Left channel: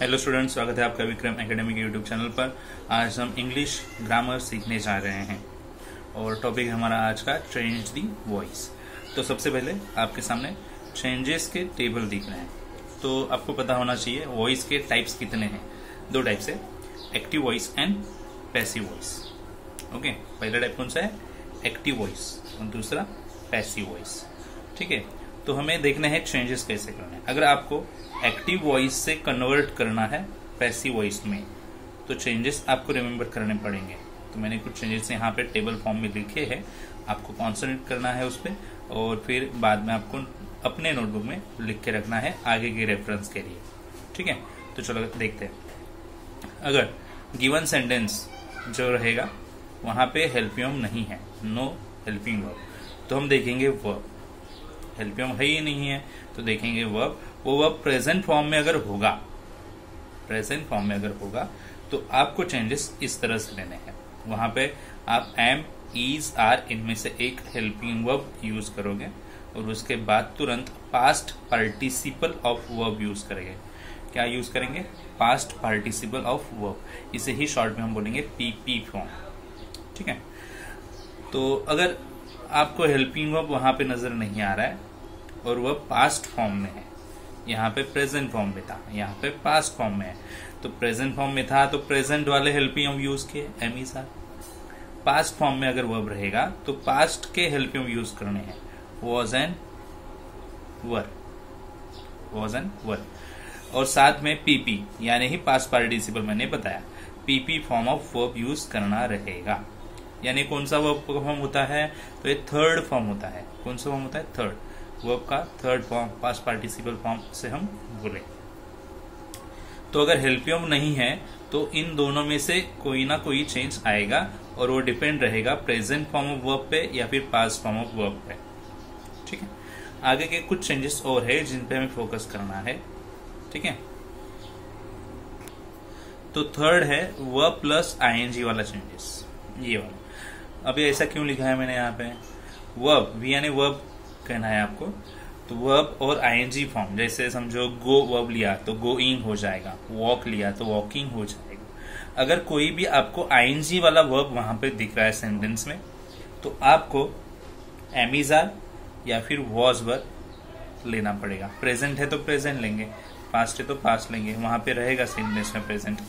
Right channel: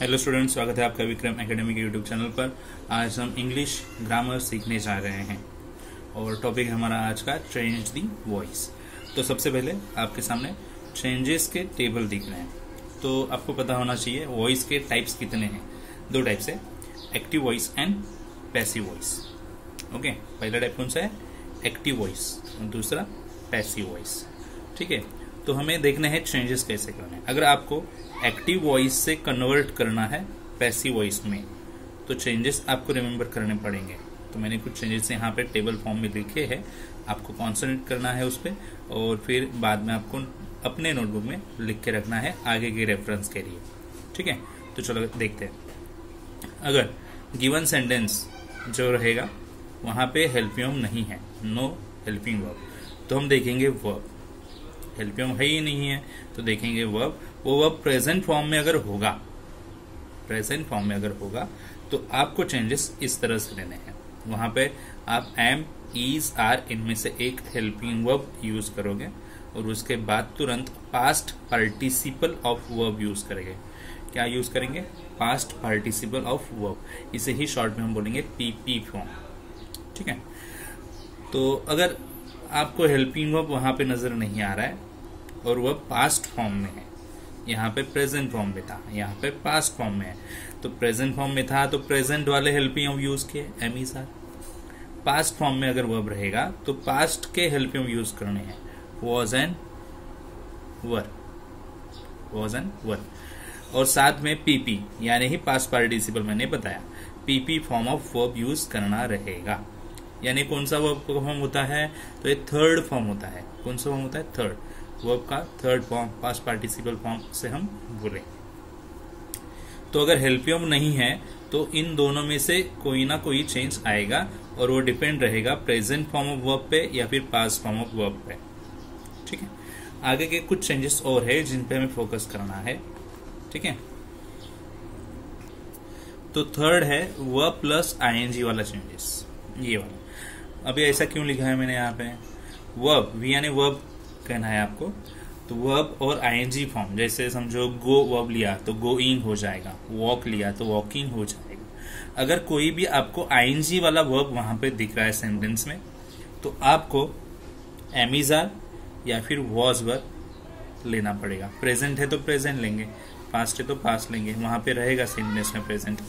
Hello student, स्वागत है आपका विक्रम एकेडमी के यूट्यूब चैनल पर। आज हम इंग्लिश ग्रामर सीखने जा रहे हैं और टॉपिक हमारा आज का चेंज दी वॉइस। तो सबसे पहले आपके सामने चेंजेस के टेबल दिख रहे हैं, तो आपको पता होना चाहिए वॉइस के टाइप्स कितने हैं। दो टाइप्स है, active voice and passive voice. Okay, पहला टाइप कौन सा है? एक्टिव वॉइस और दूसरा पैसिव वॉइस। ठीक है, तो हमें देखना है चेंजेस कैसे करना है। अगर आपको एक्टिव वॉइस से कन्वर्ट करना है पैसिव वॉइस में, तो चेंजेस आपको रिमेम्बर करने पड़ेंगे। तो मैंने कुछ चेंजेस यहाँ पे टेबल फॉर्म में लिखे हैं, आपको कॉन्सेंट्रेट करना है उस पर और फिर बाद में आपको अपने नोटबुक में लिख के रखना है आगे के रेफरेंस के लिए। ठीक है, तो चलो देखते हैं। अगर गिवन सेंटेंस जो रहेगा वहां पे हेल्पियम नहीं है, नो हेल्पिंग वर्ब, तो हम देखेंगे वर्ब। हेल्पियम है ही नहीं है तो देखेंगे वर्ब। वो वर्ब प्रेजेंट फॉर्म में अगर होगा, प्रेजेंट फॉर्म में अगर होगा तो आपको चेंजेस इस तरह से लेने हैं। वहां पे आप एम, इज, आर इनमें से एक हेल्पिंग वर्ब यूज करोगे और उसके बाद तुरंत past participle of verb use करेंगे। क्या यूज करेंगे? Past participle of verb. इसे ही शॉर्ट में हम बोलेंगे पीपी फॉर्म। ठीक है, तो अगर आपको हेल्पिंग वर्ब वहां पे नजर नहीं आ रहा है और वह पास्ट फॉर्म में है, यहाँ पे प्रेजेंट फॉर्म में था, यहाँ पे पास्ट फॉर्म में है, तो प्रेजेंट फॉर्म में था तो प्रेजेंट वाले हेल्पिंग वर्ब यूज किए, am is are. Past form में अगर वर्ब रहेगा तो पास्ट के हेल्पिंग वर्ब यूज करने हैं, was and were, was and were. और साथ में पीपी यानी ही पास्ट पार्टिसिपल मैंने बताया, PP form of verb use करना रहेगा। यानी कौन सा वर्ब फॉर्म होता है? तो ये थर्ड फॉर्म होता है। कौन सा फॉर्म होता है? थर्ड। वर्ब का third form past participle form से हम बोले। तो अगर हेल्पियम नहीं है तो इन दोनों में से कोई ना कोई चेंज आएगा और वो डिपेंड रहेगा प्रेजेंट फॉर्म ऑफ वर्ब पे या फिर पास्ट फॉर्म ऑफ वर्ब पे। ठीक है, आगे के कुछ चेंजेस और है जिन पे हमें फोकस करना है। ठीक है, तो थर्ड है वर्ब प्लस आईएनजी वाला चेंजेस, ये वाला। अभी ऐसा क्यों लिखा है मैंने यहाँ पे? वर्ब, वी यानी वर्ब कहना है आपको, तो वर्ब और आईएनजी फॉर्म। जैसे समझो गो वर्ब लिया तो गोइंग हो जाएगा, वॉक लिया तो वॉकिंग हो जाएगा। अगर कोई भी आपको आईएनजी वाला वर्ब वहां पे दिख रहा है सेंटेंस में, तो आपको एम इज आर या फिर वॉज वर लेना पड़ेगा। प्रेजेंट है तो प्रेजेंट लेंगे, पास्ट है तो पास्ट लेंगे, वहां पे रहेगा सेंटेंस में present,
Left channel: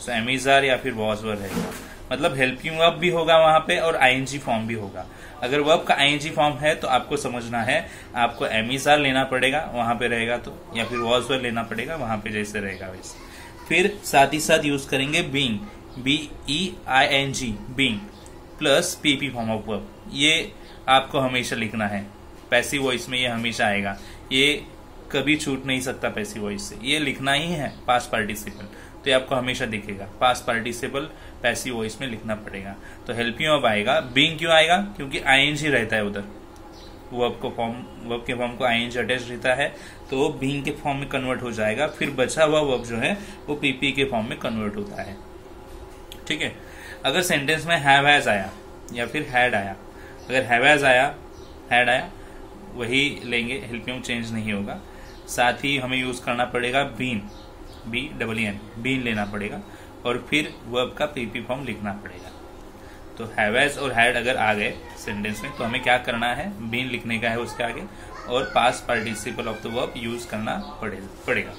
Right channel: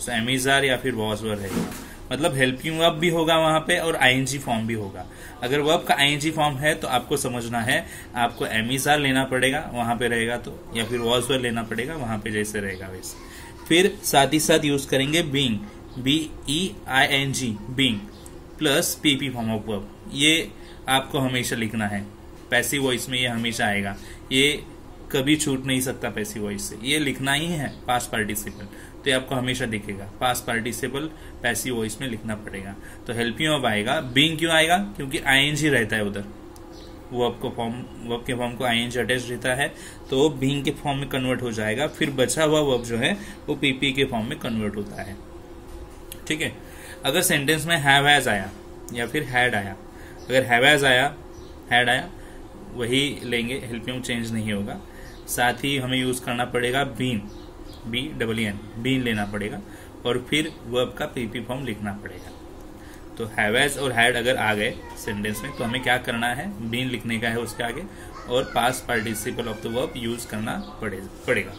so am is are या फिर वॉज वर रहेगा। मतलब हेल्पिंग वर्ब भी होगा वहां पे और आईएनजी फॉर्म भी होगा। अगर वर्ब का आईएनजी फॉर्म है तो आपको समझना है आपको एम इज आर लेना पड़ेगा वहां पे रहेगा तो, या फिर वॉज वर लेना पड़ेगा वहां पे जैसे रहेगा वैसे। फिर साथ ही साथ यूज करेंगे being, BEING, being plus PP form of verb. ये आपको हमेशा लिखना है, पैसिव वॉइस में ये हमेशा आएगा, ये कभी छूट नहीं सकता पैसिव वॉइस से, ये लिखना ही है पास्ट पार्टिसिपल। तो ये आपको हमेशा दिखेगा, पास्ट पार्टिसिपल पैसिव वॉइस में लिखना पड़ेगा। तो हेल्पिंग वर्ब आएगा। बीइंग क्यों आएगा? क्योंकि आईएनजी रहता है उधर, वर्ब के फॉर्म को आईएनजी अटैच रहता है, तो वो बीइंग के फॉर्म में कन्वर्ट हो जाएगा। फिर बचा हुआ वर्ब जो है वो पीपी के फॉर्म में कन्वर्ट होता है। ठीक है, अगर सेंटेंस में हैव हैज आया या फिर हैड आया, अगर हैव हैज आया, हैड आया, वही लेंगे, हेल्पिंग चेंज नहीं होगा। साथ ही हमें यूज करना पड़ेगा बीन, BEEN, बीन लेना पड़ेगा और फिर वर्ब का पीपी फॉर्म लिखना पड़ेगा। तो हैव हैज और हैड अगर आ गए सेंटेंस में तो हमें क्या करना है? बीन लिखने का है उसके आगे और past participle of the verb use करना पड़ेगा।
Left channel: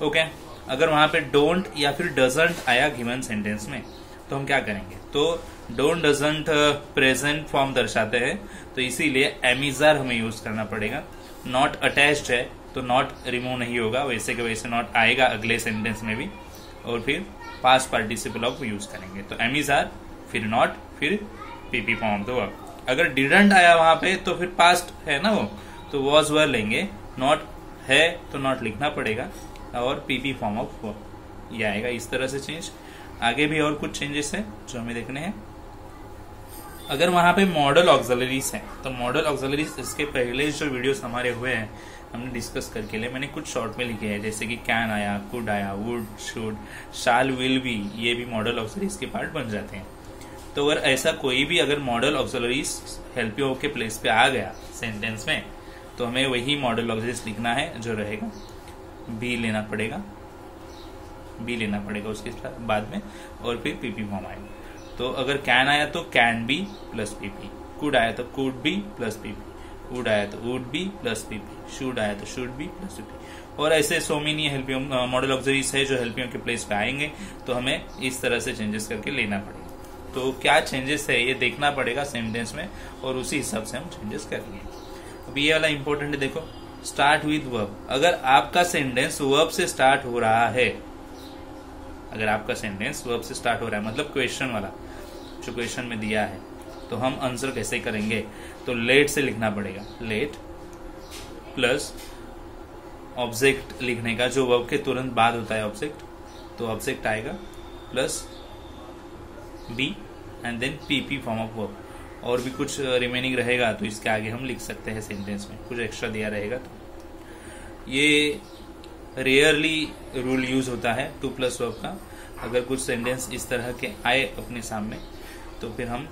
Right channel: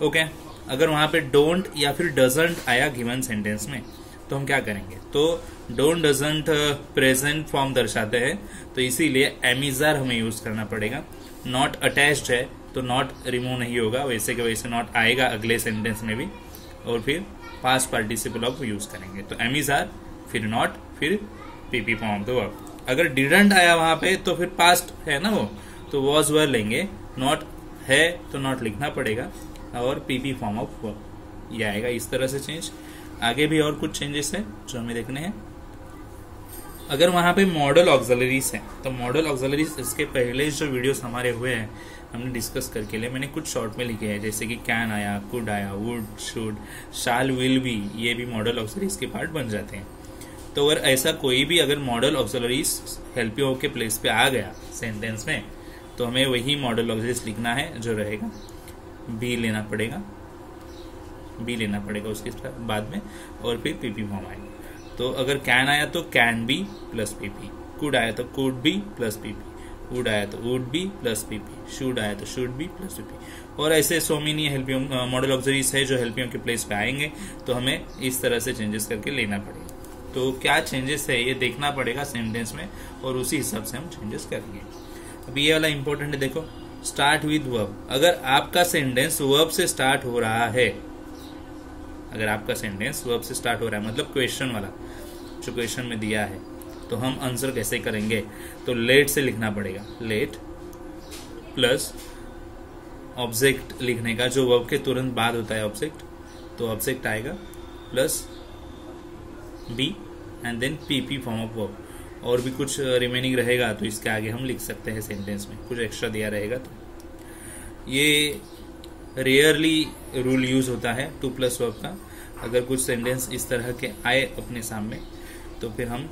ओके, अगर वहां पे डोंट या फिर डजंट आया गिवन सेंटेंस में तो हम क्या करेंगे? तो डोंट डजंट प्रेजेंट फॉर्म दर्शाते हैं, तो इसीलिए एम इज आर हमें यूज करना पड़ेगा। नॉट अटैच्ड है तो नॉट रिमूव नहीं होगा, वैसे के वैसे नॉट आएगा अगले सेंटेंस में भी, और फिर पास्ट पार्टिसिपल ऑफ यूज करेंगे। तो एम इज आर, फिर नॉट, फिर PP form of the verb. अगर डिडंट आया वहां पे तो फिर पास्ट है ना वो, तो वॉज वर लेंगे। नॉट है तो नॉट लिखना पड़ेगा और पीपी फॉर्म ऑफ वर्ब ये आएगा। इस तरह से चेंज। आगे भी और कुछ चेंजेस है जो हमें देखने हैं। अगर वहां पे मॉडल ऑक्सिलरीज है तो मॉडल ऑक्सिलरीज, इसके पहले जो वीडियोस हमारे हुए हैं हमने डिस्कस करके लिए, मैंने कुछ शॉर्ट में लिखे हैं, जैसे कि कैन आया, कुड आया, would, should, shall, will be, ये भी मॉडल ऑक्सिलरीज के पार्ट बन जाते हैं। तो अगर ऐसा कोई भी अगर मॉडल ऑक्सिलरीज हेल्पिंग के प्लेस पे आ गया सेंटेंस में, तो हमें वही मॉडल ऑक्सिलरीज लिखना है जो रहेगा, बी लेना पड़ेगा बी लेना पड़ेगा उसके बाद में, और फिर पीपी फॉर्म आएगा। तो अगर कैन आया तो can be plus PP, could आया तो could be plus PP, would आया तो would be plus PP, should आया तो शुड बी प्लस पीपी, और ऐसे सो मेनी हेल्पियम मॉडल ऑक्सिलरीज है जो हेल्पियम के प्लेस पे आएंगे। तो हमें इस तरह से चेंजेस करके लेना पड़ेगा। तो क्या चेंजेस है ये देखना पड़ेगा सेंटेंस में, और उसी हिसाब से हम चेंजेस करेंगे। अब ये वाला इंपॉर्टेंट है, देखो स्टार्ट विद वर्ब। अगर आपका सेंटेंस वर्ब से स्टार्ट हो रहा है, अगर आपका सेंटेंस वर्ब से स्टार्ट हो रहा है मतलब क्वेश्चन वाला जो क्वेश्चन में दिया है, तो हम आंसर कैसे करेंगे? तो लेट से लिखना पड़ेगा, लेट प्लस ऑब्जेक्ट लिखने का जो वर्ब के तुरंत बाद होता है ऑब्जेक्ट, तो ऑब्जेक्ट आएगा plus B and then PP form of verb, और भी कुछ रिमेनिंग रहेगा तो इसके आगे हम लिख सकते हैं सेंटेंस में, कुछ एक्स्ट्रा दिया रहेगा। तो ये रेयरली रूल यूज होता है टू प्लस वर्ब का। अगर कुछ सेंटेंस इस तरह के आए अपने सामने तो फिर हम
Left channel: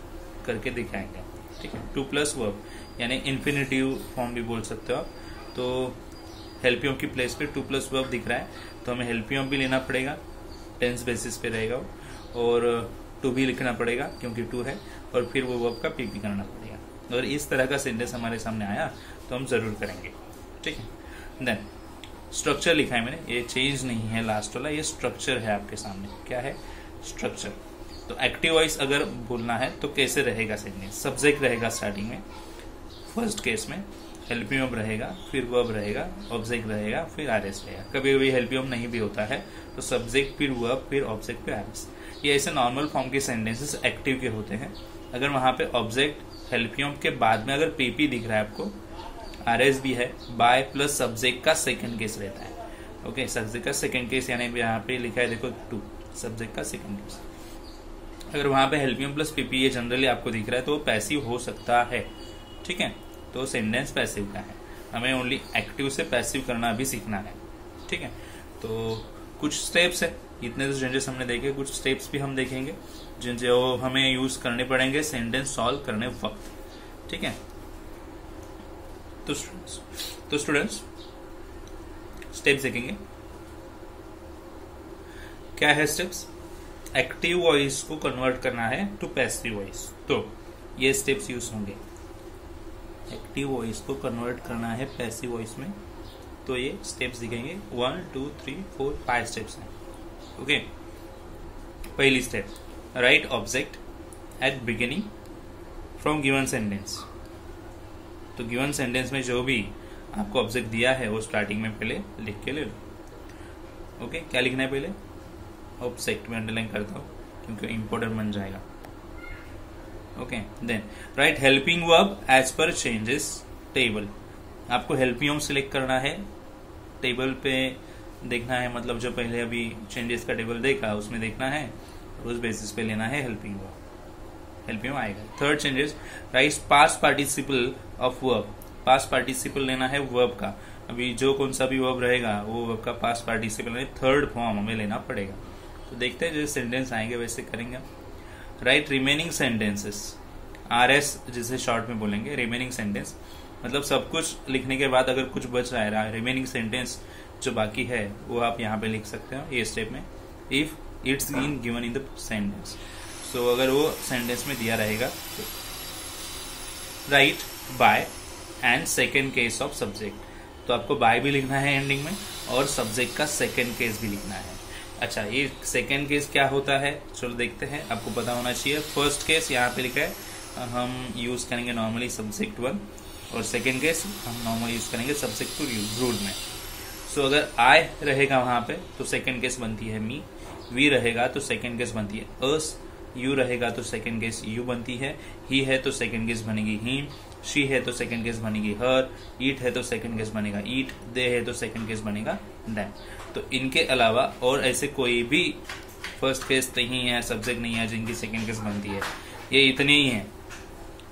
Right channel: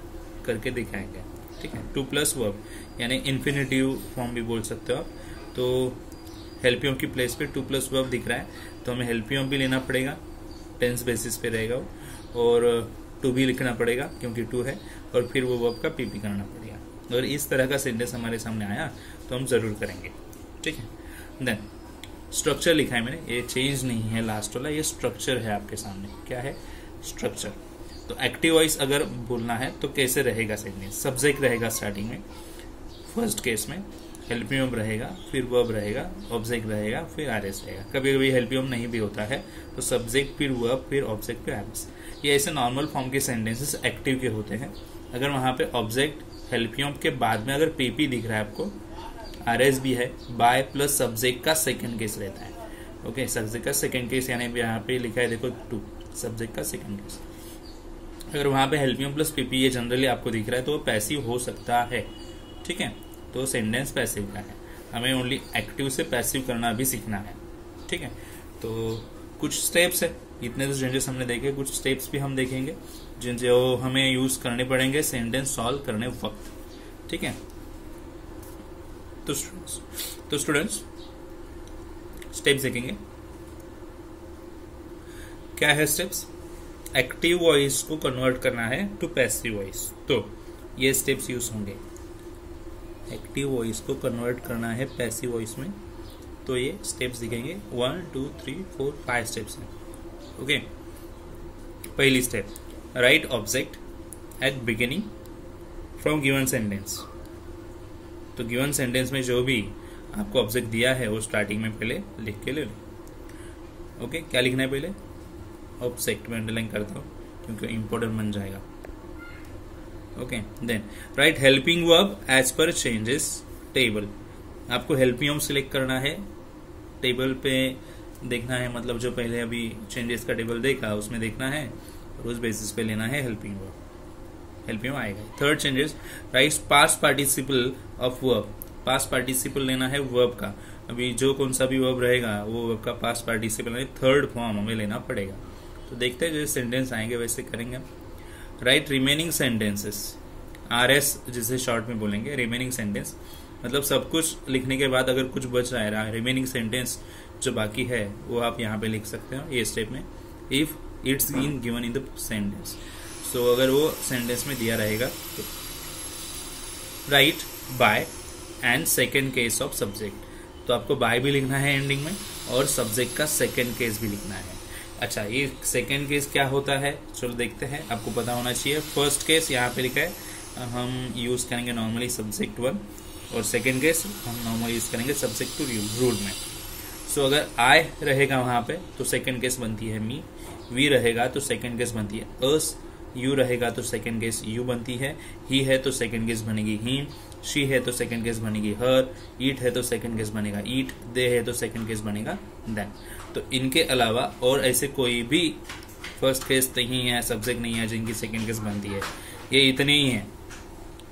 करके दिखाएंगे, ठीक है। टू प्लस वर्ब यानी इन्फिनिटिव फॉर्म भी बोल सकते हो आप। तो हेल्पियम की प्लेस पे टू प्लस वर्ब दिख रहा है तो हमें हेल्पियम भी लेना पड़ेगा, टेंस बेसिस पे रहेगा, और टू भी लिखना पड़ेगा क्योंकि टू है, और फिर वो वर्ब का पीपी करना पड़ेगा। अगर इस तरह का सेंटेंस हमारे सामने आया तो हम जरूर करेंगे, ठीक है। देन स्ट्रक्चर लिखा है मैंने, ये चेंज नहीं है लास्ट वाला, ये स्ट्रक्चर है आपके सामने। क्या है? स्ट्रक्चर। तो एक्टिव वॉइस अगर बोलना है तो कैसे रहेगा सेंटेंस? सब्जेक्ट रहेगा स्टार्टिंग में, फर्स्ट केस में हेल्पियम रहेगा, फिर वर्ब रहेगा, ऑब्जेक्ट रहेगा, फिर आरएस रहेगा। कभी कभी हेल्पियम नहीं भी होता है तो सब्जेक्ट फिर वर्ब फिर ऑब्जेक्ट फिर आरएस। ये ऐसे नॉर्मल फॉर्म के सेंटेंसेस एक्टिव के होते हैं। अगर वहां पे ऑब्जेक्ट हेल्पियम के बाद में अगर पीपी दिख रहा है आपको, आरएस भी है, बाय प्लस सब्जेक्ट का सेकंड केस रहता है। ओके, सब्जेक्ट का सेकंड केस यानी यहाँ पे लिखा है देखो टू, सब्जेक्ट का सेकंड केस। अगर वहां पे हेल्पियम प्लस पीपी ये जनरली आपको दिख रहा है तो वो पैसिव हो सकता है, ठीक है। तो सेंटेंस पैसिव का है, हमें ओनली एक्टिव से पैसिव करना भी सीखना है, ठीक है। तो कुछ स्टेप्स है, इतने तो चेंजेस हमने देखे, कुछ स्टेप्स भी हम देखेंगे जो हमें यूज करने पड़ेंगे सेंटेंस सॉल्व करने वक्त, ठीक है। तो स्टूडेंट्स स्टेप्स देखेंगे। क्या है स्टेप्स? एक्टिव वॉइस को कन्वर्ट करना है टू पैसिव वॉइस, तो ये स्टेप्स यूज होंगे। एक्टिव वॉइस को कन्वर्ट करना है पैसिव वॉइस में, तो ये स्टेप्स दिखेंगे। 1 2 3 4 5 स्टेप्स हैं, ओके। पहली step, right object at beginning from given sentence. तो गिवन सेंटेंस में जो भी आपको ऑब्जेक्ट दिया है वो स्टार्टिंग में पहले लिख के ले लो, ओके। क्या लिखना है पहले? ऑब्जेक्ट में अंडरलाइन करता हूं क्योंकि इंपॉर्टेंट बन जाएगा, okay. Then right helping verb as per changes table. आपको हेल्पियम सिलेक्ट करना है, टेबल पे देखना है, मतलब जो पहले अभी चेंजेस का टेबल देखा उसमें देखना है, उस बेसिस पे लेना है हेल्पिंग वर्ब, हेल्पियम आएगा। Third changes, right past participle of verb. Past participle लेना है वर्ब का, अभी जो कौन सा भी वर्ब रहेगा वो वर्ब का पास्ट पार्टिसिपल थर्ड फॉर्म हमें लेना पड़ेगा। तो देखते हैं जैसे सेंटेंस आएंगे वैसे करेंगे। राइट रिमेनिंग सेंटेंसेस, आरएस जिसे शॉर्ट में बोलेंगे, रिमेनिंग सेंटेंस मतलब सब कुछ लिखने के बाद अगर कुछ बच रहा है, रिमेनिंग सेंटेंस जो बाकी है वो आप यहाँ पे लिख सकते हो ये स्टेप में। If it's in given in the sentence, so अगर वो सेंटेंस में दिया रहेगा तो right by and second case of subject, तो आपको बाय भी लिखना है एंडिंग में और सब्जेक्ट का सेकेंड केस भी लिखना है। अच्छा, ये सेकेंड केस क्या होता है चलो देखते हैं, आपको पता होना चाहिए। फर्स्ट केस यहाँ पे लिखा है, हम यूज करेंगे नॉर्मली सब्जेक्ट 1, और सेकेंड केस हम नॉर्मली यूज करेंगे सब्जेक्ट 2 रूल में। सो अगर आई रहेगा वहां पे तो सेकेंड केस बनती है मी, वी रहेगा तो सेकेंड केस बनती है अस, यू रहेगा तो सेकेंड केस यू बनती है, ही है तो सेकेंड केस बनेगी हिम, शी है तो सेकेंड केस बनेगी हर, ईट है तो सेकेंड केस बनेगा ईट, दे है तो सेकेंड केस बनेगा देम। तो इनके अलावा और ऐसे कोई भी फर्स्ट केस नहीं है, सब्जेक्ट नहीं है जिनकी सेकेंड केस बनती है, ये इतने ही हैं,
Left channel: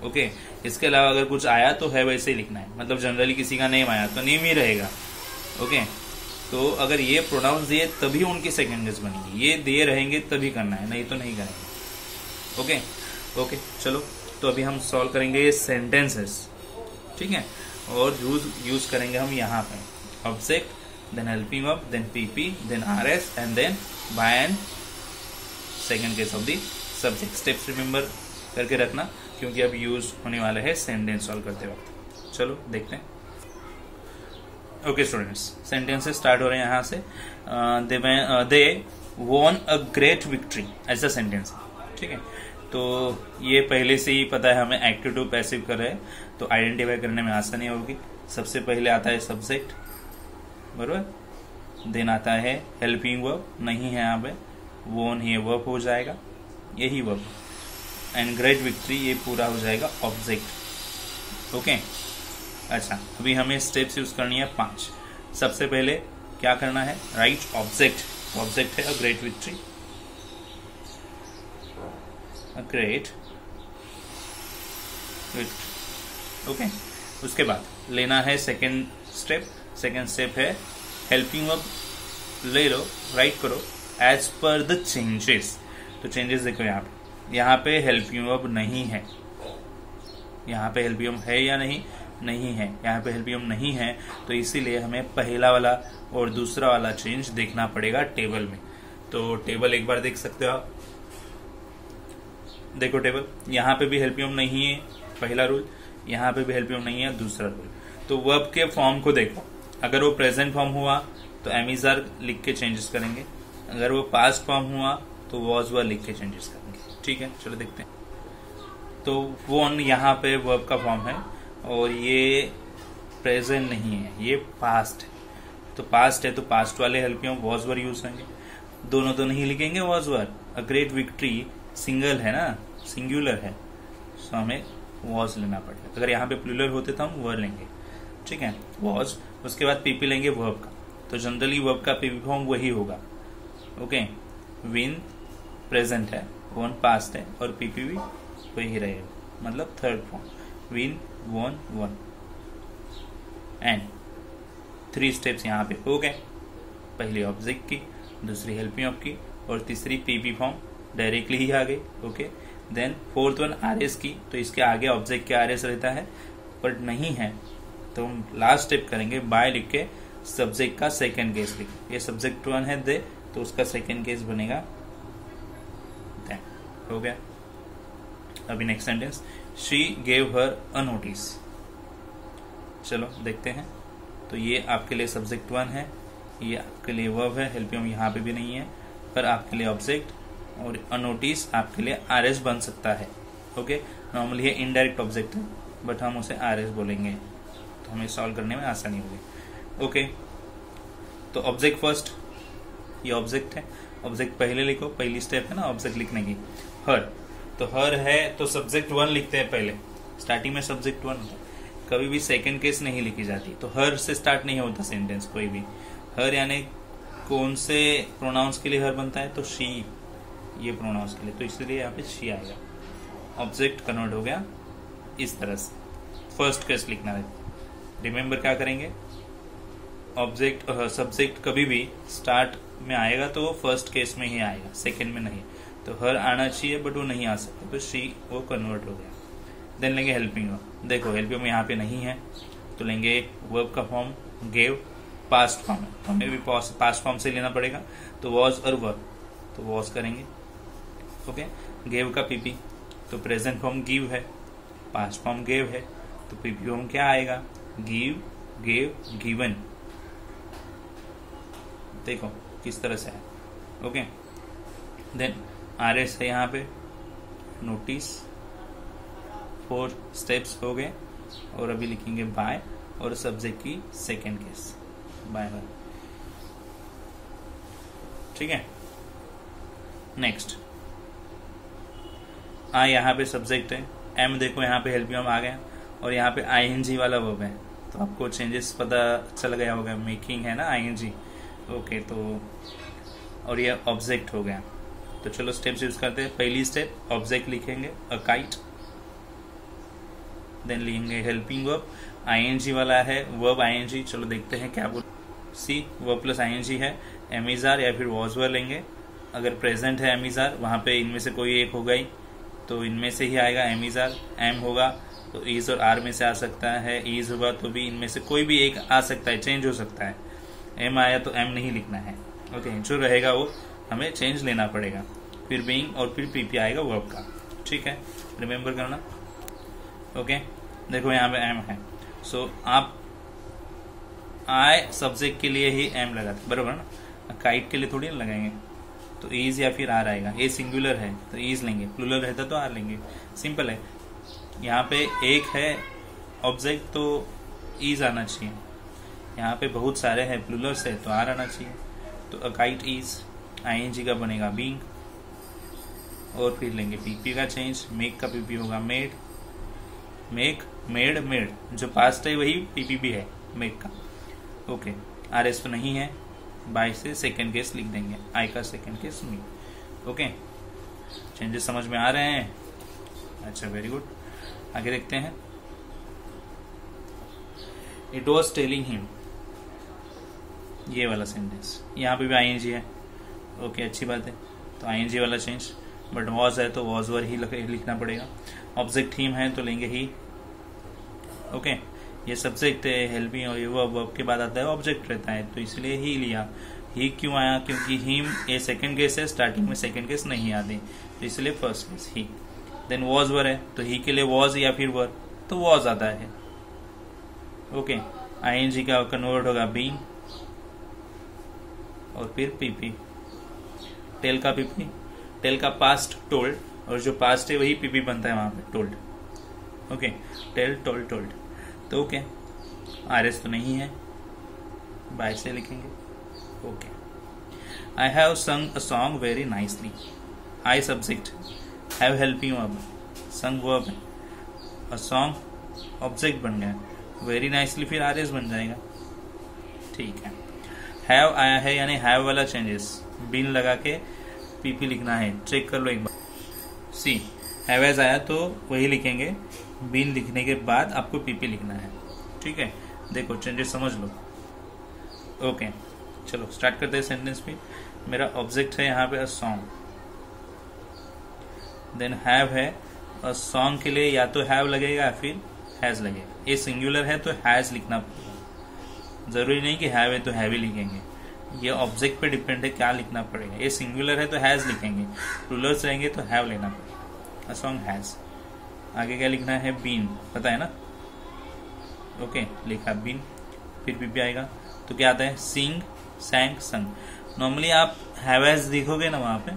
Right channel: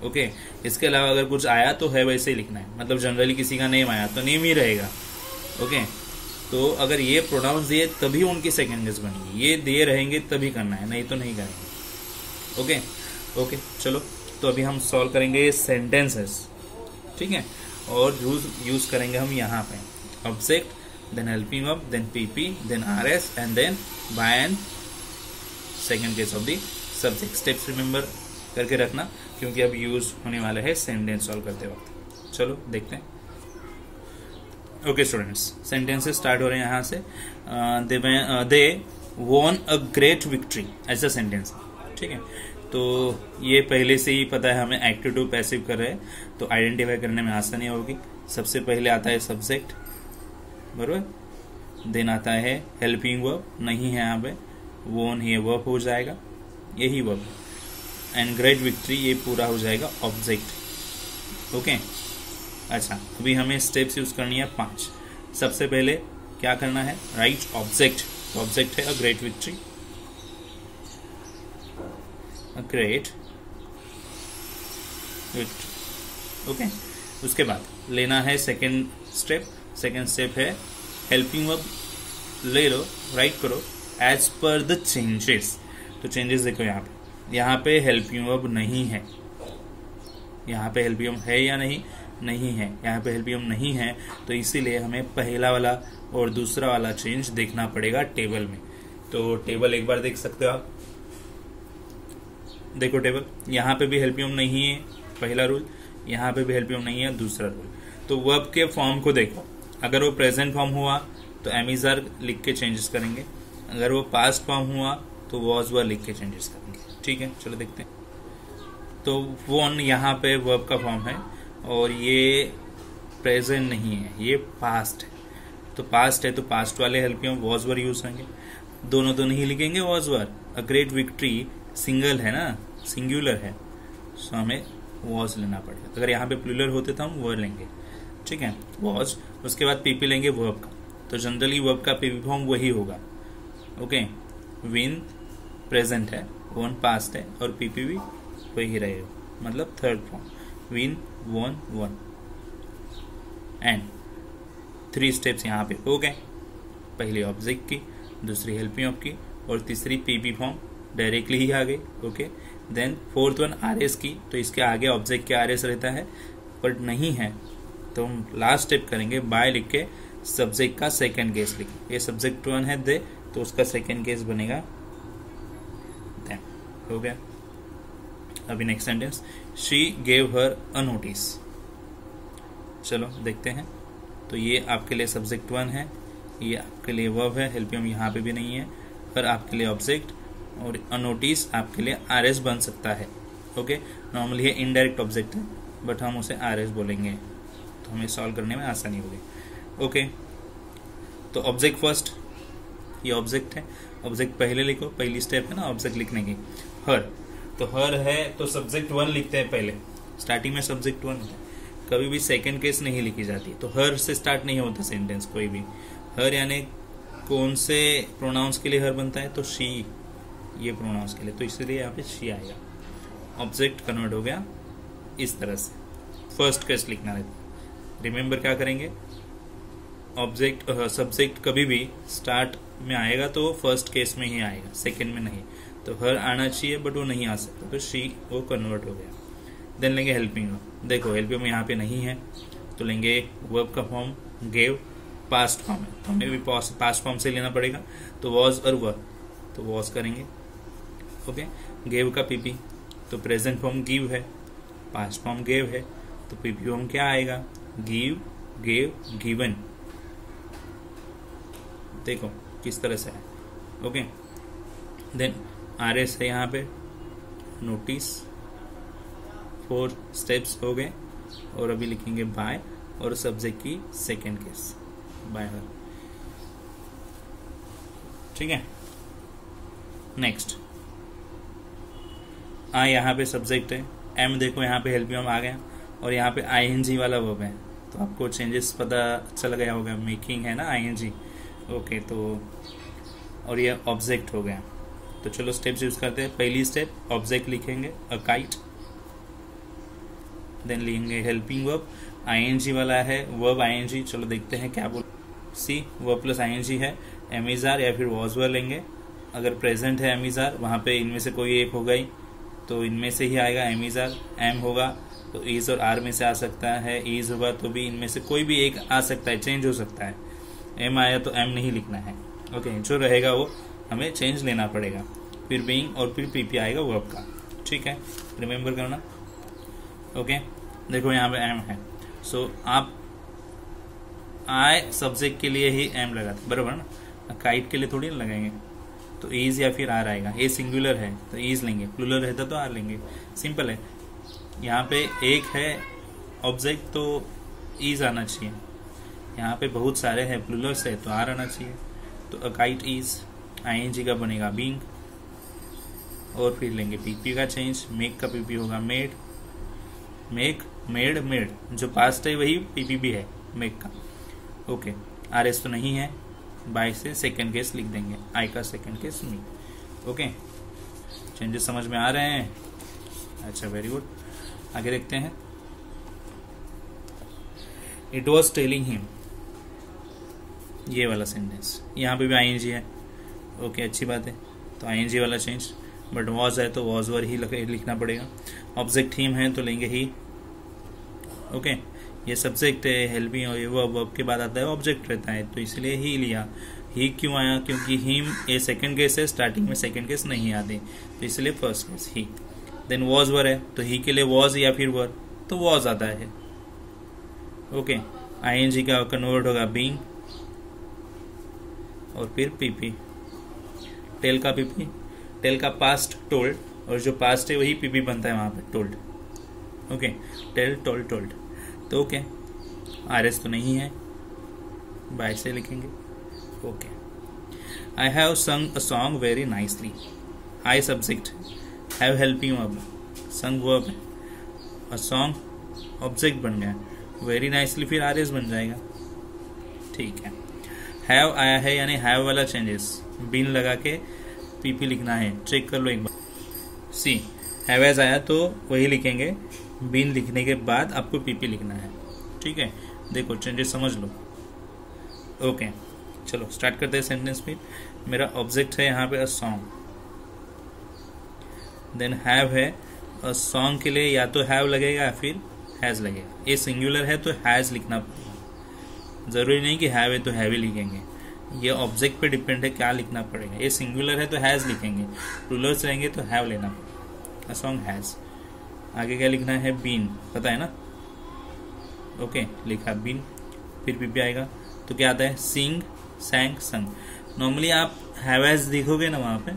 ओके। इसके अलावा अगर कुछ आया तो है वैसे ही लिखना है, मतलब जनरली किसी का नेम आया तो नेम ही रहेगा, ओके। तो अगर ये प्रोनाउंस दिए तभी उनकी सेकेंड केस बनेगी, ये दिए रहेंगे तभी करना है, नहीं तो नहीं करेंगे, ओके। ओके चलो, तो अभी हम सॉल्व करेंगे ये सेंटेंसेस, ठीक है, और यूज करेंगे हम यहाँ पे object then helping verb, then PP, then RS, and then by and second case of the subject. Steps remember करके रखना क्योंकि अब यूज होने वाला है सेंटेंस सॉल्व करते वक्त। चलो देखते हैं। ओके स्टूडेंट्स, सेंटेंसेस स्टार्ट हो रहे हैं यहाँ से। They won a great victory, ऐसा सेंटेंस है, ठीक है। तो ये पहले से ही पता है हमें, एक्टिव टू पैसिव कर रहे हैं तो आइडेंटिफाई करने में आसानी होगी। सबसे पहले आता है सब्जेक्ट, बरोबर, देन आता है हेल्पिंग वर्ब, नहीं है यहाँ पे, वोन ये वर्ब हो जाएगा, यही वर्ब, एंड ग्रेट विक्ट्री ये पूरा हो जाएगा ऑब्जेक्ट। ओके, अच्छा अभी हमें स्टेप्स यूज करनी है 5। सबसे पहले क्या करना है, राइट ऑब्जेक्ट। ऑब्जेक्ट है a great victory, a great victory. Okay, उसके बाद लेना है सेकेंड स्टेप। सेकेंड स्टेप है हेल्पिंग वर्ब ले लो, राइट करो एज पर द चेंजेस। तो चेंजेस देखो यहाँ पे हेल्पिंग वर्ब नहीं है, यहाँ पे हेल्पिंग वर्ब है या नहीं, नहीं है, यहाँ पे हेल्पिंग वर्ब नहीं है, तो इसीलिए हमें पहला वाला और दूसरा वाला चेंज देखना पड़ेगा टेबल में। तो टेबल एक बार देख सकते हो आप, देखो टेबल, यहाँ पे भी हेल्पिंग वर्ब नहीं है, पहला रूल, यहाँ पे भी हेल्पिंग वर्ब नहीं है, दूसरा रूल। तो वर्ब के फॉर्म को देखो, अगर वो प्रेजेंट फॉर्म हुआ तो एम आर लिख के चेंजेस करेंगे, अगर वो पास्ट फॉर्म हुआ तो वॉज वर लिख के चेंजेस करेंगे, ठीक है। चलो देखते हैं। तो वोन यहाँ पे वर्ब का फॉर्म है और ये प्रेजेंट नहीं है, ये पास्ट है। तो पास्ट है तो पास्ट वाले helping verb was were use होंगे, दोनों तो नहीं लिखेंगे was were. A great victory single है ना, सिंगुलर है, सो हमें वॉज लेना पड़ेगा। अगर यहाँ पे प्लूरल होते तो हम वर लेंगे, ठीक है, वॉज। उसके बाद पीपी लेंगे वर्ब का, तो जनरली वर्ब का पीपी फॉर्म वही होगा। ओके, विन प्रेजेंट है, वोन पास्ट है और पीपी भी वही रहेगा, मतलब थर्ड फॉर्म, विन वोन वन। एंड 3 स्टेप्स यहाँ पे हो गए, पहली ऑब्जेक्ट की, दूसरी हेल्पिंग वर्ब की और तीसरी पीपी फॉर्म डायरेक्टली ही आ गई। Okay, then fourth one RS की, तो इसके आगे ऑब्जेक्ट के आरएस रहता है, बट नहीं है तो हम लास्ट स्टेप करेंगे बाय लिख के सब्जेक्ट का सेकंड केस लिख, ये सब्जेक्ट 1 है दे, तो उसका सेकंड केस बनेगा दे। हो गया। अभी next sentence, she gave her a notice. चलो देखते हैं। तो ये आपके लिए सब्जेक्ट 1 है, ये आपके लिए वर्ब है, हेल्पिंग यहाँ पे भी नहीं है, पर आपके लिए ऑब्जेक्ट, और अ नोटिस आपके लिए आरएस बन सकता है। ओके, नॉर्मली ये इनडायरेक्ट ऑब्जेक्ट है बट हम उसे आरएस बोलेंगे, तो हमें सॉल्व करने में आसानी होगी। ओके, तो ऑब्जेक्ट फर्स्ट, ये ऑब्जेक्ट है, ऑब्जेक्ट पहले लिखो, पहली स्टेप है ना ऑब्जेक्ट लिखने की। हर, तो हर है तो सब्जेक्ट 1 लिखते हैं पहले, स्टार्टिंग में सब्जेक्ट 1 है, कभी भी सेकंड केस नहीं लिखी जाती। तो हर से स्टार्ट नहीं होता सेंटेंस कोई भी। हर यानी कौन से प्रोनाउंस के लिए हर बनता है, तो शी, ये प्रोनाउंस के लिए, तो इसीलिए यहाँ पे शी आएगा। ऑब्जेक्ट कन्वर्ट हो गया इस तरह से, फर्स्ट केस लिखना है। रिमेम्बर क्या करेंगे, ऑब्जेक्ट सब्जेक्ट कभी भी स्टार्ट में आएगा तो वो फर्स्ट केस में ही आएगा, सेकंड में नहीं। तो हर आना चाहिए बट वो नहीं आ सकता, तो शी वो कन्वर्ट हो गया। देन लेंगे हेल्पिंग वर्ब, देखो हेल्पिंग यहाँ पे नहीं है तो लेंगे वर्ब का फॉर्म गेव, पास्ट फॉर्म है, हमें भी पास्ट फॉर्म से लेना पड़ेगा, तो वॉज और वर्ब, तो वॉज करेंगे। ओके, गेव का पीपी, तो प्रेजेंट फॉर्म गिव है, पास्ट फॉर्म गेव है, तो पीपी फॉर्म क्या आएगा, गिव, गेव, गिवन। देखो किस तरह से है। ओके, देन आरएस है यहाँ पे, नोटिस, 4 स्टेप्स हो गए, और अभी लिखेंगे बाय और सब्जेक्ट की सेकेंड केस बाय हर, ठीक है। नेक्स्ट यहाँ पे सब्जेक्ट है, एम देखो यहाँ पे हेल्पिंग वर्ब आ गए, और यहाँ पे आईएनजी वाला वर्ब है, तो आपको चेंजेस पता चल गया होगा, मेकिंग है ना आईएनजी। ओके, तो और ये ऑब्जेक्ट हो गया। तो चलो स्टेप्स यूज करते हैं। पहली स्टेप ऑब्जेक्ट लिखेंगे अ काइट, देन लिखेंगे हेल्पिंग वर्ब, आईएनजी वाला है, वर्ब आईएनजी। चलो देखते हैं क्या बोल, सी वर्ब प्लस आईएनजी है, एमइजआर या फिर वॉज वर लेंगे। अगर प्रेजेंट है एमइजआर, वहां पे इनमें से कोई एक होगा ही, तो इनमें से ही आएगा एमइजआर। एम होगा तो इज और आर में से आ सकता है, इज होगा तो भी इनमें से कोई भी एक आ सकता है, चेंज हो सकता है। एम आया तो एम नहीं लिखना है। ओके, जो रहेगा वो हमें चेंज लेना पड़ेगा। फिर बीइंग और फिर पीपी आएगा वर्ब का। ठीक है, रिमेम्बर करना। ओके, देखो यहाँ पे एम है, सो आप आई सब्जेक्ट के लिए ही एम लगाते, बराबर ना। काइट के लिए थोड़ी ना लगाएंगे, तो इज या फिर आर आएगा। ए सिंगुलर है तो इज लेंगे, प्लूरल रहता तो आर लेंगे, सिंपल है। यहाँ पे एक है ऑब्जेक्ट तो इज आना चाहिए, यहाँ पे बहुत सारे हैं प्लूरल से तो आर आना चाहिए। तो अ काइट इज, आईएनजी का बनेगा बीइंग, और फिर लेंगे पीपी का चेंज, मेक का पीपी होगा मेड, मेक, मेड, मेड, जो पास्ट है वही पीपी भी है मेक का। ओके, आर एस तो नहीं है, बाय से सेकंड केस लिख देंगे, आई का सेकंड केस मी। ओके, चेंजेस समझ में आ रहे हैं? अच्छा, वेरी गुड। आगे देखते हैं। इट वॉज टेलिंग हिम, ये वाला सेंटेंस, यहाँ पे भी आईएनजी है। ओके, अच्छी बात है, तो आईएनजी वाला चेंज, बट वॉज है तो वॉज वर ही लिखना पड़ेगा। ऑब्जेक्ट हिम है तो लेंगे ही। ओके, ये सब्जेक्ट है, हेल्पिंग और ये वर्ब के बाद आता है ऑब्जेक्ट रहता है, तो इसलिए ही लिया। ही क्यों आया? क्योंकि हिम ए सेकंड केस है, स्टार्टिंग में सेकंड केस नहीं आते, तो इसलिए फर्स्ट केस ही। देन वॉज वर है, तो ही के लिए वॉज या फिर वर, तो वॉज आता है। ओके, आईएनजी का कन्वर्ट होगा बीइंग, और फिर पीपी। टेल का पीपी, टेल का पास्ट टोल्ड, और जो पास्ट है वही पीपी बनता है वहां पर, told. Okay, tell, told, told. तो ओके, आरएस तो नहीं है, बाय से लिखेंगे। ओके, आई हैव संग a song very nicely, I subject, have helping verb, संग वर्ब, अ सॉन्ग ऑब्जेक्ट बन गया, वेरी नाइसली फिर आरएस बन जाएगा। ठीक है, हैव आया है यानी हैव वाला चेंजेस, बीन लगा के पीपी लिखना है, चेक कर लो एक बार। सी, हैव एज आया तो वही लिखेंगे, बीन लिखने के बाद आपको पीपी लिखना है। ठीक है, देखो चेंजेस समझ लो। ओके, चलो स्टार्ट करते हैं सेंटेंस पे। मेरा ऑब्जेक्ट है यहाँ पे अ सॉन्ग, देन हैव है, अ सॉन्ग के लिए या तो हैव लगेगा या फिर हैज लगेगा। ये सिंगुलर है तो हैज लिखना पड़ेगा, जरूरी नहीं कि हैव है तो हैव ही लिखेंगे, ये ऑब्जेक्ट पे डिपेंड है क्या लिखना पड़ेगा। ये सिंगुलर है तो हैज लिखेंगे, प्लूरल्स रहेंगे तो हैव लेना पड़ेगा। अ सॉन्ग हैज, आगे क्या लिखना है? बीन, पता है ना। ओके, लिखा बीन, फिर पीपी आएगा तो क्या आता है? सिंग, सैंग, संग। नॉर्मली आप हैव एज लिखोगे ना वहां पे,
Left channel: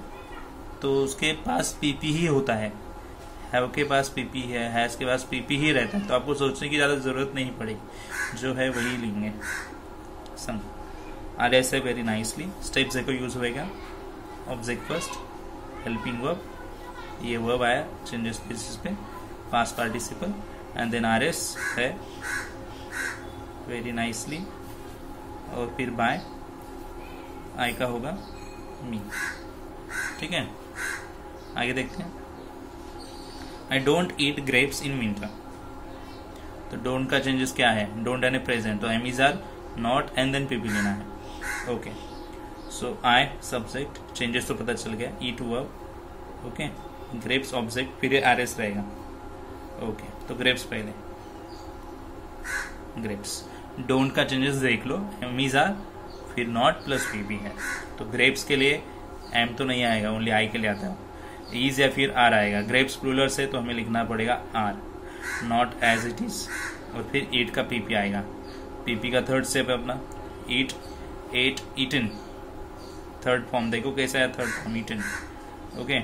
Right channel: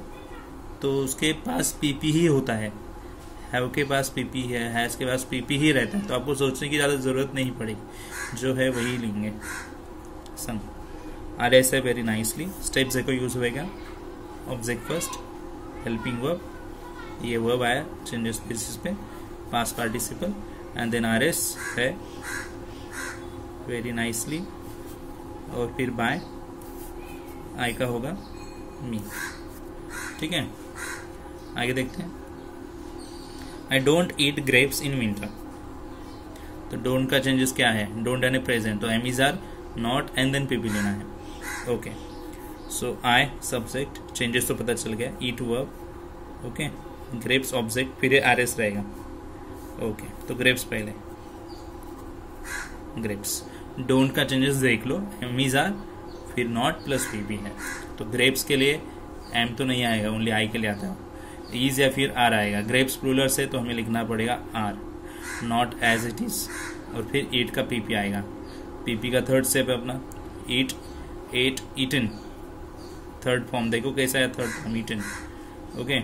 तो उसके पास पीपी ही होता है, हैव के पास पीपी है, हैज के पास पीपी ही रहता है, तो आपको सोचने की ज्यादा जरूरत नहीं पड़ेगी, जो है वही लिखेंगे। संग, आर एस है वेरी नाइसली, स्टेप देखो यूज होएगा, ऑब्जेक्ट फर्स्ट, हेल्पिंग वर्ब, ये वर्ब आया चेंजेस बेसिस पे, past participle, and then R S है वेरी नाइसली, और फिर बाय, आई का होगा मी। ठीक है, आगे देखते हैं। I don't eat grapes in winter, तो डोंट का चेंजेस क्या है? डोंट यानी प्रेजेंट, तो am is are, not and then PP लेना है। Okay, so I subject, changes तो पता चल गया, eat verb, okay, grapes object, फिर आर एस रहेगा। ओके, तो ग्रेप्स पहले, ग्रेप्स। डोंट का चेंजेस देख लो, एम इज आर, फिर नॉट प्लस पीपी है, तो ग्रेप्स के लिए एम तो नहीं आएगा, ओनली आई के लिए आता है, इज या फिर आर आएगा। ग्रेप्स प्लूरल से तो हमें लिखना पड़ेगा are, not as it is, और फिर ईट का पीपी आएगा। पीपी का थर्ड स्टेप है अपना, eat, ate, eaten, third form देखो कैसा है, third form eaten. Okay,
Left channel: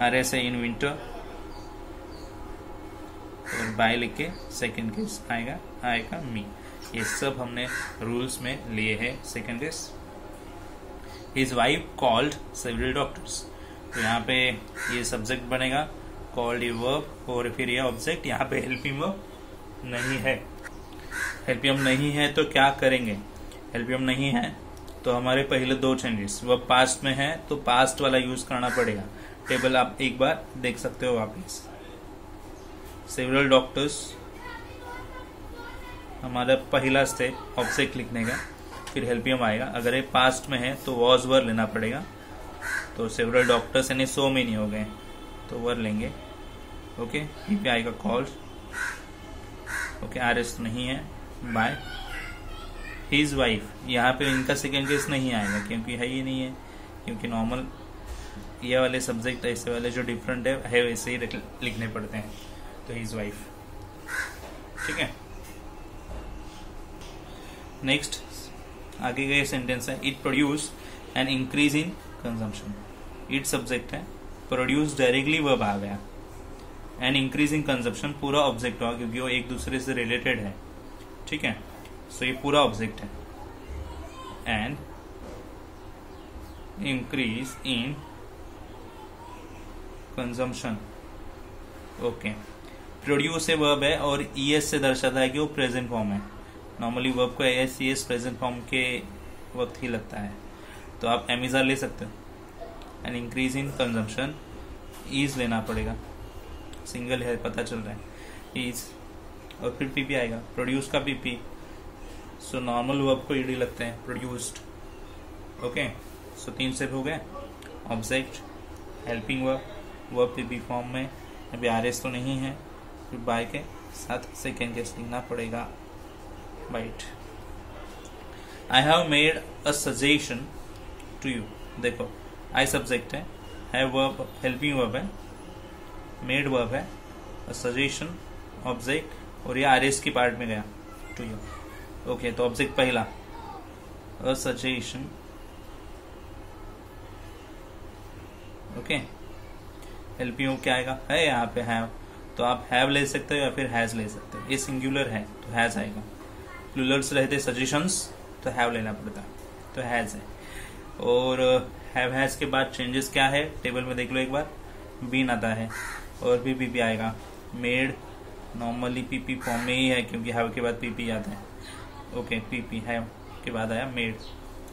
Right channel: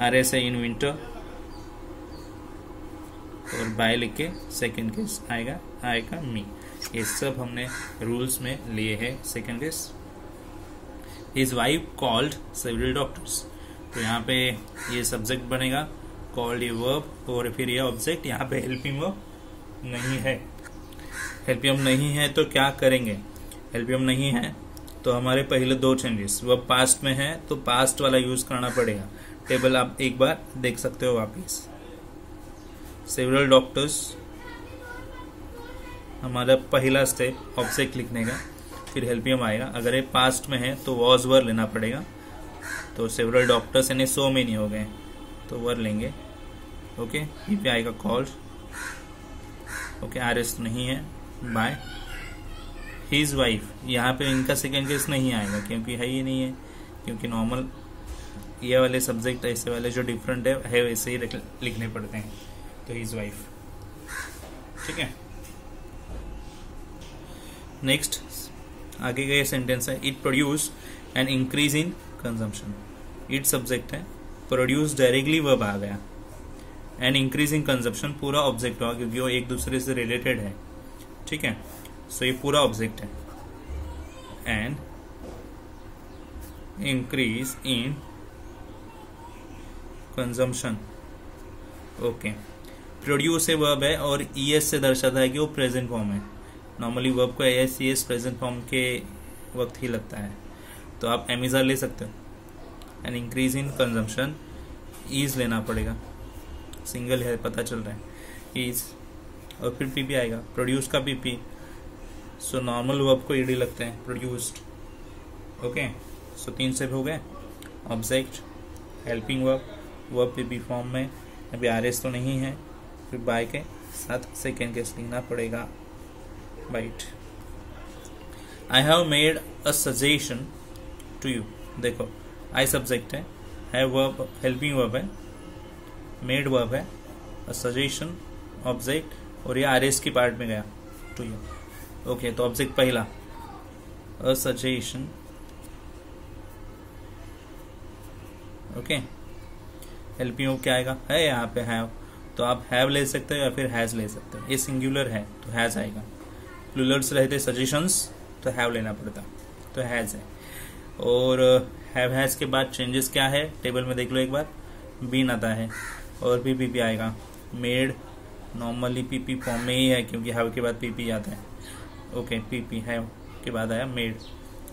R S है इन विंटर, और बाय लिख के सेकेंड केस आएगा, आएगा मी। ये सब हमने रूल्स में लिए हैं। Second case, his wife called several doctors, तो यहाँ पे ये सब्जेक्ट बनेगा, कॉल्ड ये वर्ब, और फिर ये ऑब्जेक्ट, यहाँ पे हेल्पिंग वर्ब नहीं है। हेल्पिंग नहीं है तो क्या करेंगे? हेल्पिंग नहीं है तो हमारे पहले दो चेंजेस, वर्ब पास्ट में है तो पास्ट वाला यूज करना पड़ेगा। टेबल आप एक बार देख सकते हो वापिस। सेवरल डॉक्टर्स हमारा पहला स्टेप ऑब्जेक्ट लिखने का, फिर हेल्पियम आएगा। अगर ये पास्ट में है तो वॉज वर लेना पड़ेगा, तो सेवरल डॉक्टर्स यानी सो मेनी हो गए तो वर लेंगे। ओके, फिर आएगा कॉल्ड, ओके, आर एस नहीं है, बाय, हिज वाइफ, यहाँ पे इनका सेकेंड केस नहीं आएगा क्योंकि है ही नहीं है, क्योंकि नॉर्मल ये वाले सब्जेक्ट ऐसे वाले जो डिफरेंट है वैसे ही लिखने पड़ते हैं। तो हिज वाइफ, ठीक है। नेक्स्ट आगे का ये सेंटेंस है, it produce an increase in consumption. It subject है, प्रोड्यूस डायरेक्टली वर्ब आ गया, एन इंक्रीज इन कंजम्पशन पूरा ऑब्जेक्ट होगा क्योंकि वो एक दूसरे से रिलेटेड है, ठीक है। सो ये पूरा ऑब्जेक्ट है, and increase in consumption. Okay, produce से वर्ब है और ईएस से दर्शाता है कि वो प्रेजेंट फॉर्म है। नॉर्मली वर्ब को एस ईएस प्रेजेंट फॉर्म के वक्त ही लगता है, तो आप एमिजा ले सकते हो। And increase in consumption, is लेना पड़ेगा, सिंगल है पता चल रहा है, ईज, और फिर पीपी आएगा, प्रोड्यूस का पीपी। सो नॉर्मल वर्ब को ईडी लगते हैं, प्रोड्यूस्ड। ओके, सो 3 स्टेप हो गए, object, helping verb, verb PP form में, अभी आरएस तो नहीं है, फिर बाय के साथ सेकेंड केस लिखना पड़ेगा, बाइट। I have made a suggestion to you, देखो आई सब्जेक्ट है, वर्ब हेल्पिंग वर्ब है, मेड वर्ब है, अ सजेशन ऑब्जेक्ट, और ये आरएस की पार्ट में गया टू यू। ओके, तो ऑब्जेक्ट पहला a suggestion, okay, helping verb क्या आएगा, है यहाँ पे हैव, तो आप हैव ले सकते हो या फिर हैज ले सकते हो। ये सिंगुलर है तो हैज आएगा, प्लूरल्स रहते सजेशंस तो हैव लेना पड़ता, तो हैज है। और हैव हैज के बाद चेंजेस क्या है टेबल में देख लो एक बार, बीन आता है और भी पीपी आएगा, मेड नॉर्मली पीपी फॉर्म में ही है क्योंकि हैव के बाद पीपी आता है। ओके, पीपी हैव के बाद आया मेड,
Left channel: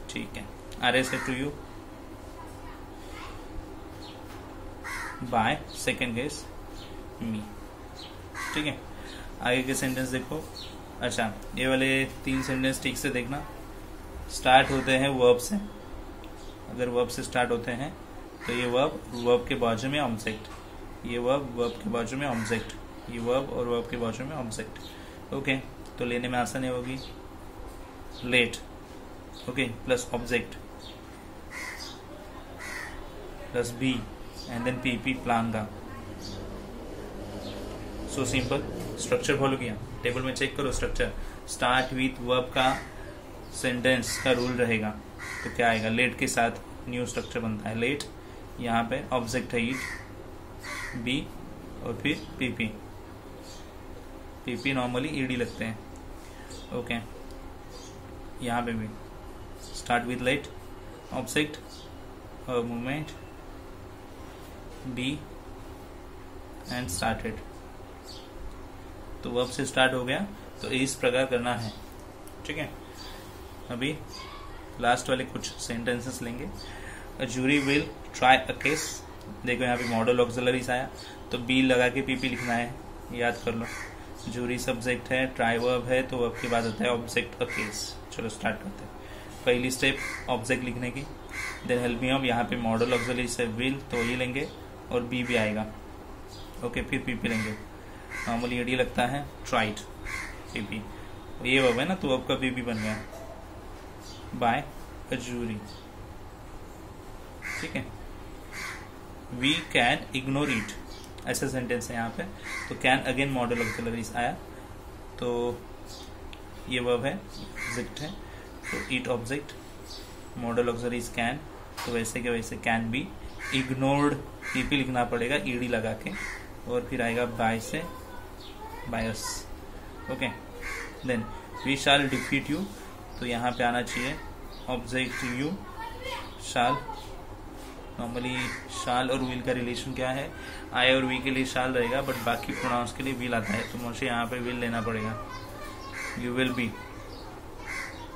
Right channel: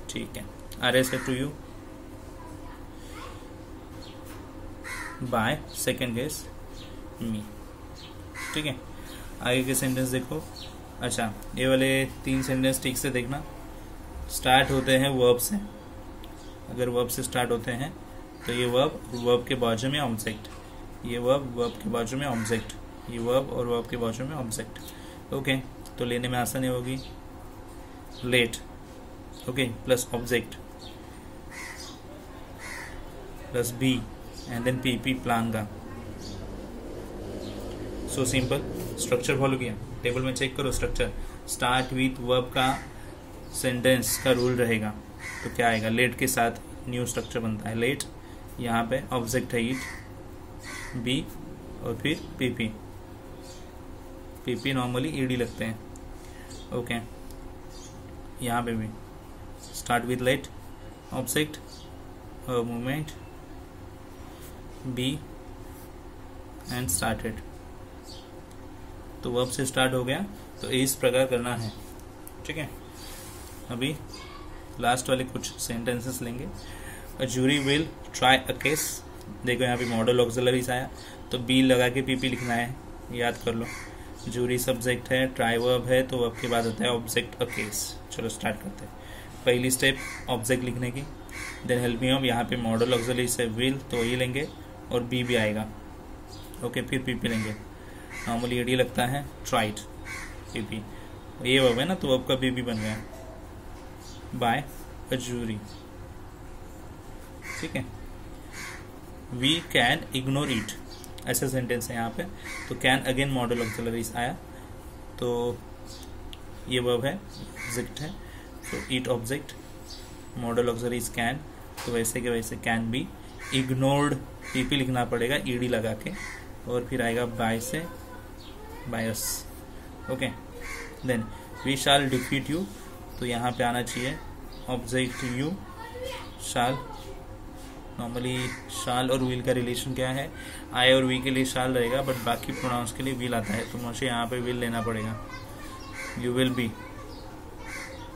ठीक है। आरएस है to you, by second case me, ठीक है। आगे के सेंटेंस देखो। अच्छा, ये वाले 3 सेंटेंस ठीक से देखना, स्टार्ट होते हैं वर्ब से। अगर वर्ब से स्टार्ट होते हैं तो ये वर्ब के बाजू में ऑब्जेक्ट, ये वर्ब के बाजू में ऑब्जेक्ट, ये वर्ब और वर्ब के बाजू में ऑब्जेक्ट। ओके, तो लेने में आसानी होगी, let, okay, plus object plus B and then PP प्लांगा। सो सिंपल, स्ट्रक्चर फॉलो किया, टेबल में चेक करो स्ट्रक्चर। स्टार्ट विथ वर्ब का सेंटेंस का रूल रहेगा, तो क्या आएगा, लेट के साथ न्यू स्ट्रक्चर बनता है, लेट, यहाँ पे ऑब्जेक्ट है इट, बी और फिर पीपी, पीपी नॉर्मली ईडी लगते हैं। ओके, यहाँ पे भी start with let, object, movement, be and started. तो वर्ब से स्टार्ट हो गया, तो इस प्रकार करना है, ठीक है। अभी लास्ट वाले कुछ सेंटेंसेस लेंगे। A jury will try a case, देखो यहाँ पे मॉडल ऑक्सिलरीज आया, तो बी लगा के पीपी लिखना है, याद कर लो। जूरी सब्जेक्ट है, ट्राई वर्ब है, तो वर्ब के बाद आता है ऑब्जेक्ट अ केस। चलो स्टार्ट करते हैं। पहली स्टेप ऑब्जेक्ट लिखने की, देन हेल्प मी, हम यहाँ पे मॉडल ऑक्सिलरी से विल तो ये लेंगे और बी भी आएगा। ओके, फिर पीपी लेंगे, नॉर्मली एडी लगता है, ट्राइड, पीपी, ये वर्ब है ना, तो वर्ब का पीपी बन गया, बाय अ जूरी, ठीक है। वी कैन इग्नोर इट, ऐसा सेंटेंस है यहाँ पे, तो कैन अगेन मॉडल ऑक्सिलरीज आया, तो ये वर्ब है, ऑब्जेक्ट है, तो it object, model auxiliaries can, तो वैसे के वैसे कैन बी इग्नोर्ड, पीपी लिखना पड़ेगा ईडी लगा के, और फिर आएगा बाय से बायस। Okay, then we shall defeat you, तो यहाँ पे आना चाहिए object you, shall, normally shall और विल का रिलेशन क्या है, आई और वी के लिए शाल रहेगा, बट बाकी प्रोनाउंस के लिए विल आता है, तो मुझे यहाँ पे विल लेना पड़ेगा, you will be,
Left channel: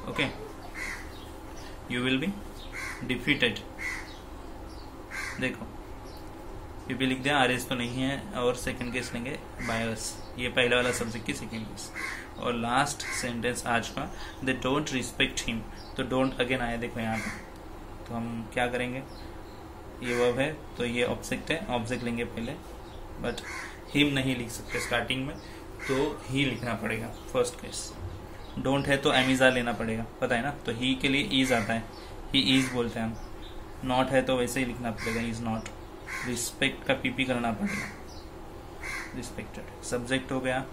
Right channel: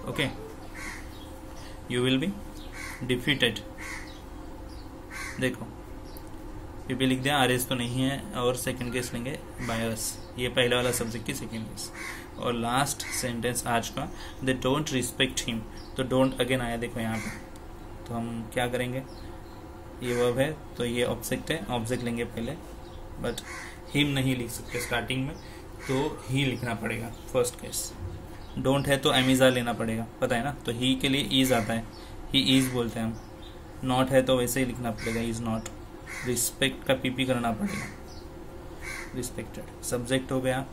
okay, you will be defeated. देखो पीपी लिख दिया, आरएस तो नहीं है, और सेकंड केस लेंगे बायस, ये पहला वाला सब्जेक्ट की सेकंड केस। और लास्ट सेंटेंस आज का, दे डोंट रिस्पेक्ट हिम, तो डोंट अगेन आया, देखो यहाँ पे, तो हम क्या करेंगे, ये वर्ब है तो ये ऑब्जेक्ट है, ऑब्जेक्ट लेंगे पहले, बट हिम नहीं लिख सकते स्टार्टिंग में, तो ही लिखना पड़ेगा फर्स्ट केस। डोंट है तो एमिजा लेना पड़ेगा, पता है ना। तो ही के लिए ईज आता है, ही ईज बोलते हैं हम। नॉट है तो वैसे ही लिखना पड़ेगा, इज नॉट। रिस्पेक्ट का पीपी करना पड़ेगा, रिस्पेक्टेड। सब्जेक्ट हो गया,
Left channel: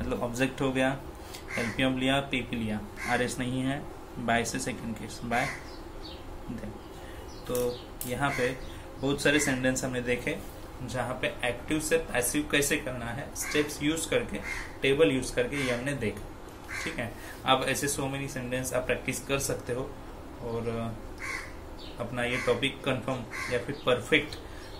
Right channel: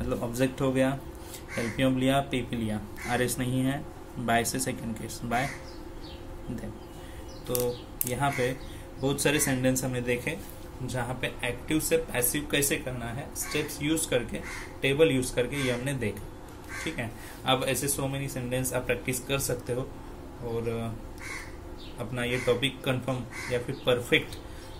मतलब ऑब्जेक्ट हो गया। एलपीएम लिया, पीपी लिया, आरएस नहीं है, बाय से सेकंड केस बाय। तो यहाँ पे बहुत सारे सेंटेंस हमने देखे जहाँ पे एक्टिव से पैसिव कैसे करना है, स्टेप्स यूज करके, टेबल यूज करके, ये हमने देखा। ठीक है, अब ऐसे सो मेनी सेंटेंस आप प्रैक्टिस कर सकते हो और अपना ये टॉपिक कंफर्म या फिर परफेक्ट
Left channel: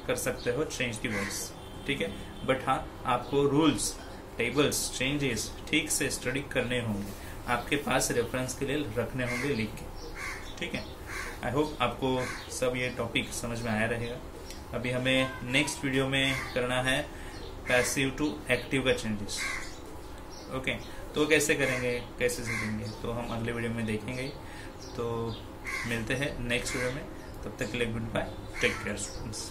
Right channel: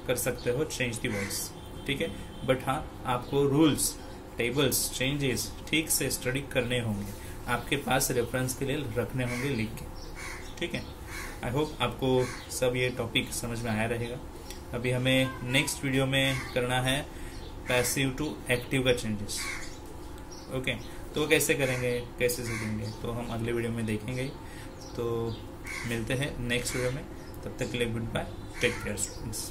कर सकते हो, चेंज दी वर्ड्स। ठीक है, बट हाँ, आपको रूल्स, टेबल्स, चेंजेस ठीक से स्टडी करने होंगे, आपके पास रेफरेंस के लिए रखने होंगे लिख के। ठीक है, आई होप आपको सब ये टॉपिक समझ में आया रहेगा। अभी हमें नेक्स्ट वीडियो में करना है पैसिव टू एक्टिव का चेंजेस। ओके, तो कैसे करेंगे, कैसे सीखेंगे, तो हम अगले वीडियो में देखेंगे। तो मिलते हैं नेक्स्ट वीडियो में, तब तक के लिए goodbye, take care students.